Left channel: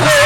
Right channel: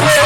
Bye.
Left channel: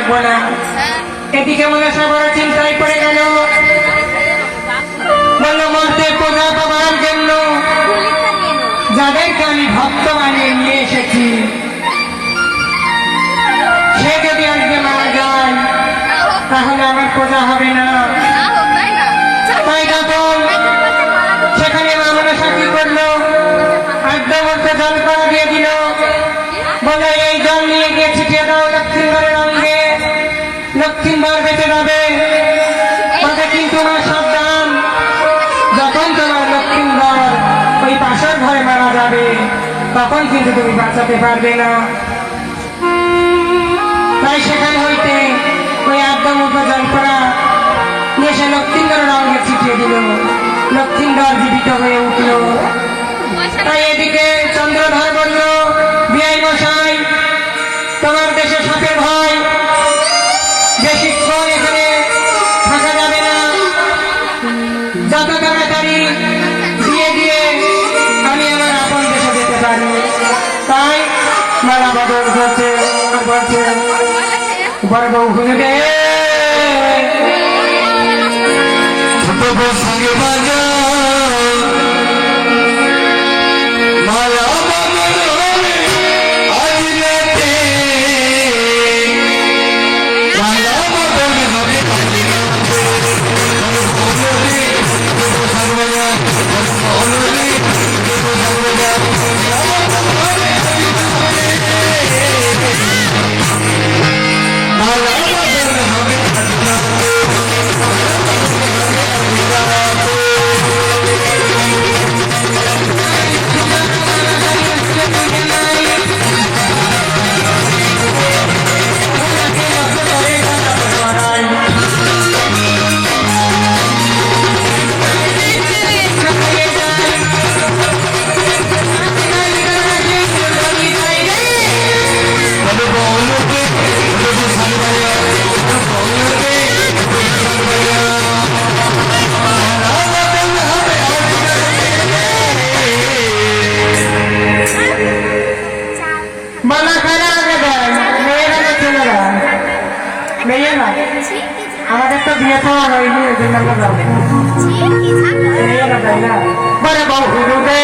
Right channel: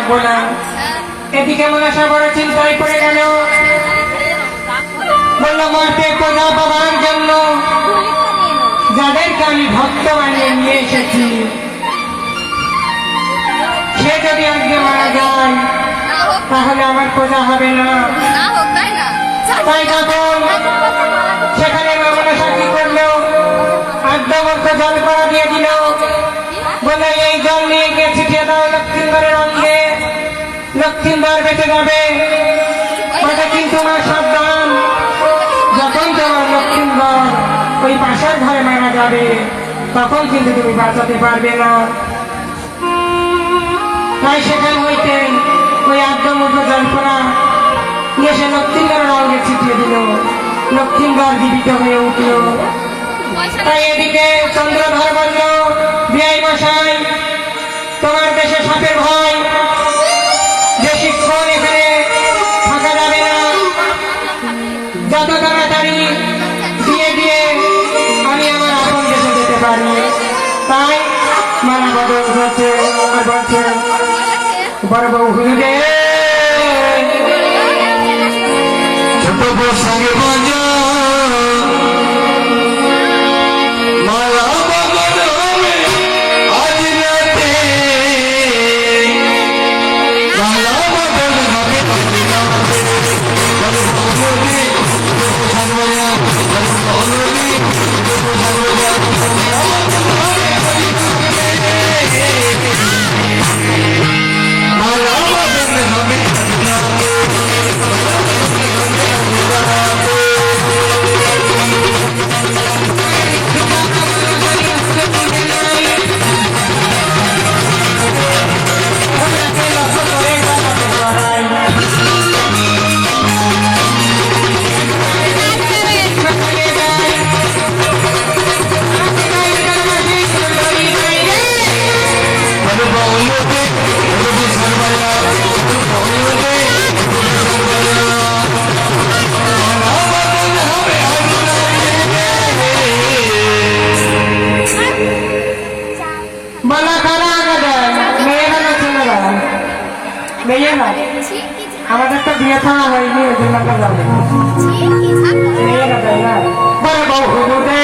রাখবো না। এদিকে মনসা বড় চিন্তায় পড়ে গেল, বলল মরতে প্রজা পাবার জন্য যাদেরকে আমি ভক্ত বানিয়ে নিয়ে এসেছি, সে যদি আজকে মারা যায় তাহলে আমার প্রজা হবে না। তাই তখন সেখানে মা মনসা কি করলো, আদ্যমধ্যে জল করা দিয়ে দিল, বলে এই জল নিয়ে গিয়ে ছিটিয়ে দাও লক্ষ্মীন্দরের অঙ্গে, লক্ষ্মীন্দর বেঁচে যাবে। তবে কিন্তু আমার সাবধান, যখন তোমার লক্ষ্মীন্দর ওই পাশের ঘরে মারা যাবে তখন কিন্তু তুমি বাঁচাতে পারবে না। তাই সেখান হইতে ওই আদ্যমধ্যে জল করা নিয়ে সে লক্ষ্মীন্দরের অঙ্গে ছিটিয়ে দিল, লক্ষ্মীন্দর জীবিত হয়ে উঠল। তাই এদিকে চন্দ্রধর বলল, বিআই মশাই, তোমার দেশে সাপের ভয়, বেশিক্ষণ এখানে থাকা যাবে না, যত তাড়াতাড়ি দিয়ে গিয়ে আমি আমার আপন দেশে যেতে পারি। তাই মালা বদল করছে, বলছে বড় বউ হুজুরে ছোট বউ সঙ্গে বাজা আমাদের তো বিয়ে খাওয়া হয়নি, ওই জন্য আমরা যাবো মেয়েরা তাই না। বড় বউ হুজুরে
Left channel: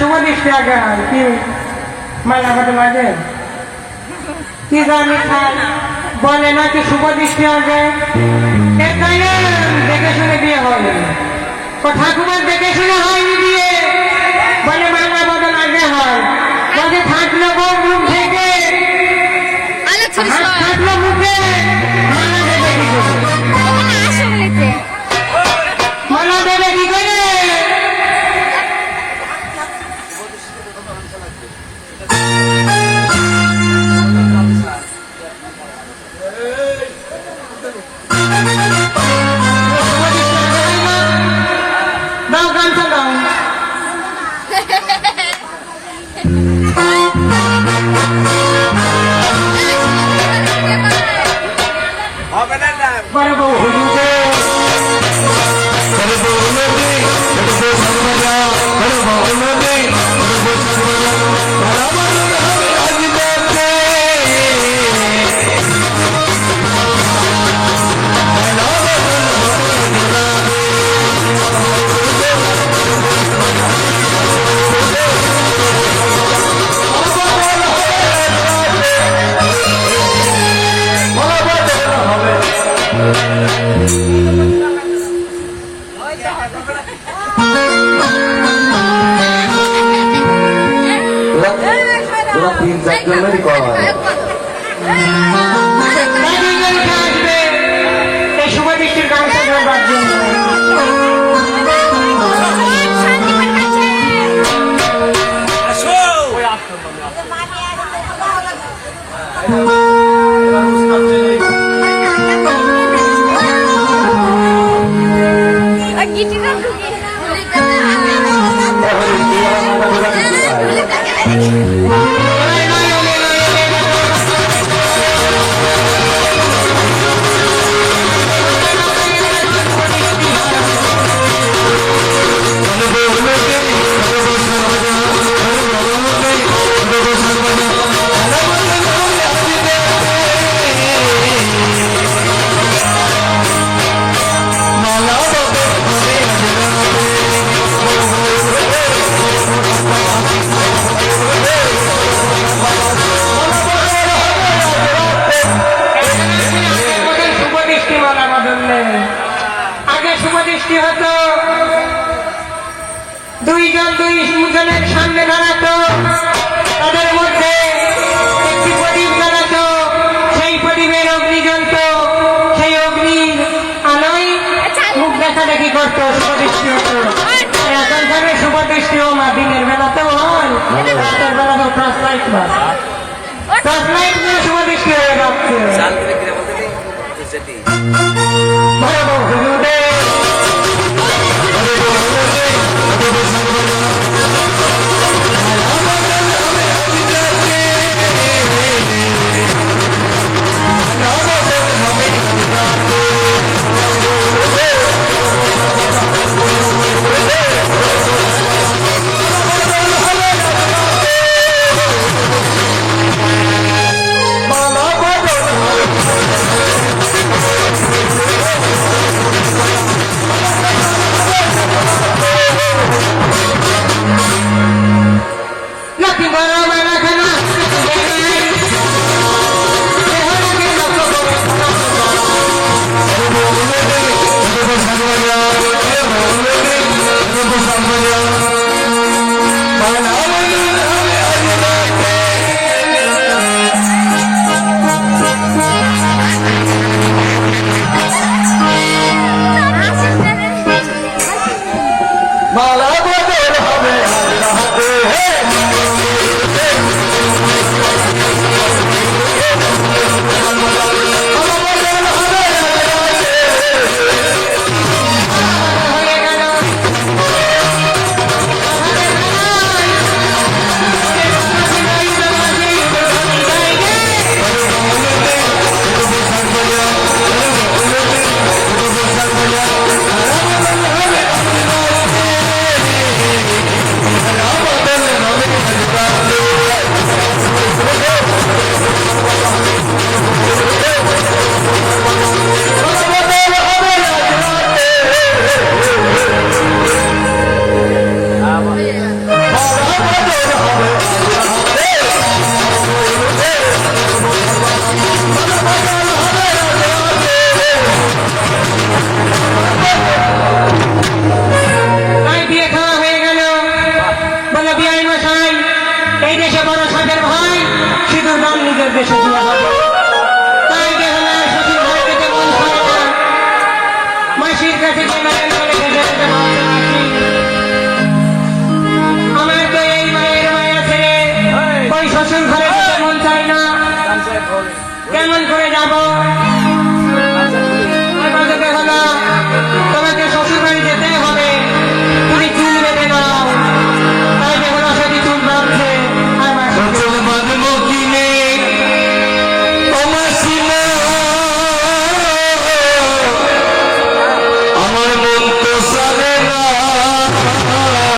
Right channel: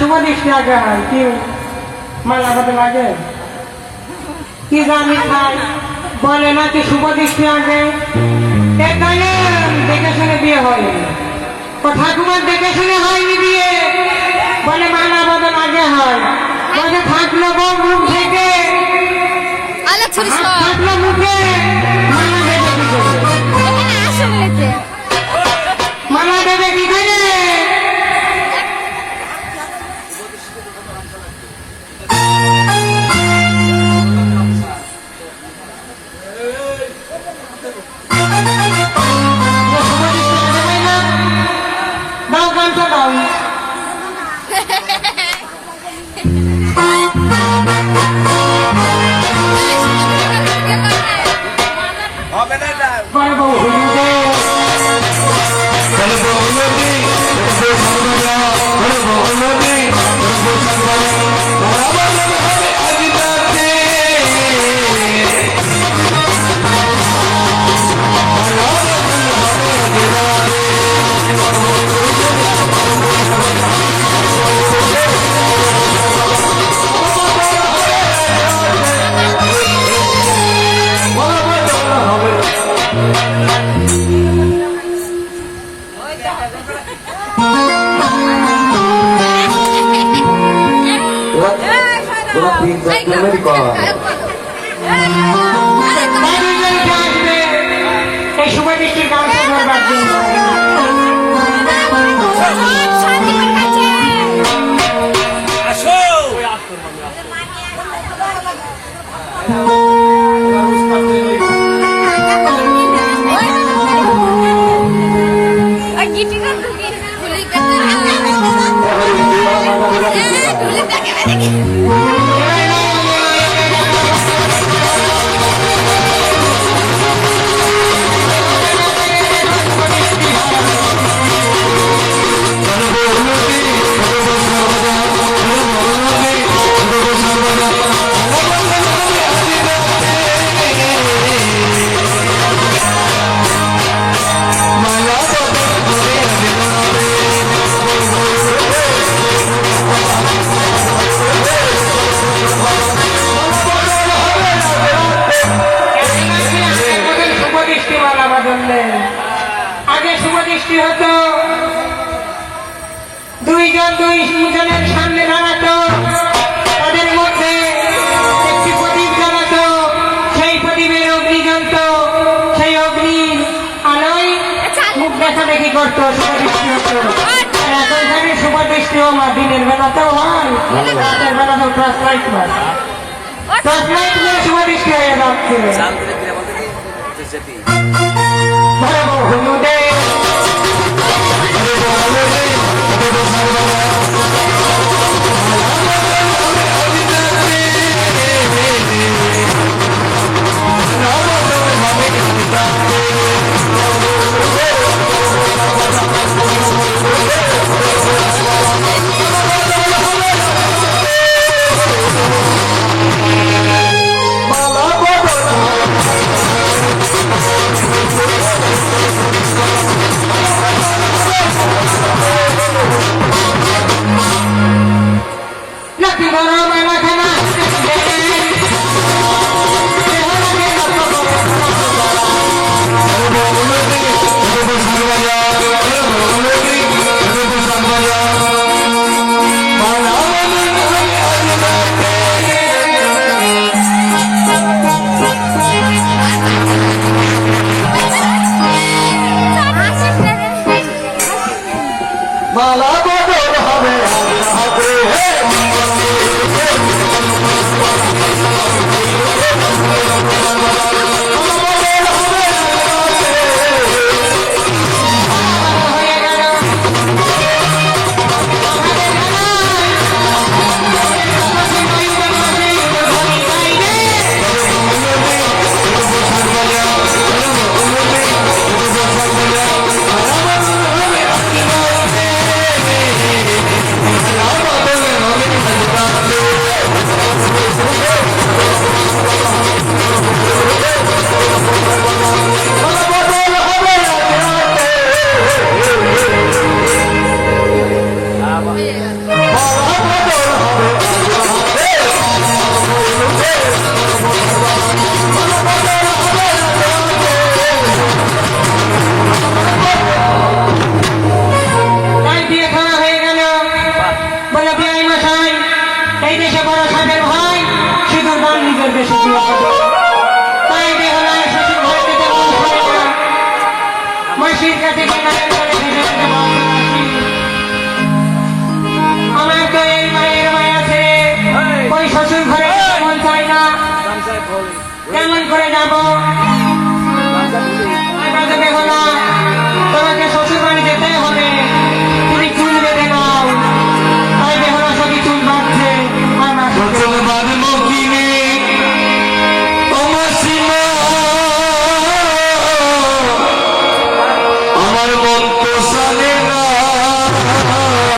শুভদৃষ্টি আগে হয় কি মালা বদল আগে কি জানি খাই বলে নাকি শুভদৃষ্টি আগে, দেখে শুনে বিয়ে হবে, ঠাকুমার দেখে শুনে হয়নি বিয়ে, বলে মালা বদল আগে হয়। বলে থাকলো বউ মুখ থেকে, থাকলো মুখে মালা দেবে কি করে, মালা দেবে কি করে। দৃষ্টির গামছা ধরবার জন্য। আগে শুভদৃষ্টি হতো, দুইজনের সামনে দাঁড়াতো, তাদের মধ্যে একটি প্রদীপ জ্বালাতো, সেই প্রদীপের অগ্নি জ্বলত, সেই অগ্নির আলোয় মুখ দেখা দেখি করতো, শুভদৃষ্টি হতো। আর এখনখানে শুভদৃষ্টিও মা দিনের বেলাতেও হয়, রাতের বেলাতেও টর্চ লাইট হয়, টর্চ লাইট নিয়ে শুভদৃষ্টি হয়ে যাচ্ছে। আমার তো এই মায়ের মায়া ছেড়ে ওই শ্বশুর ঘরে মন চাই না, কেমন করে যাব?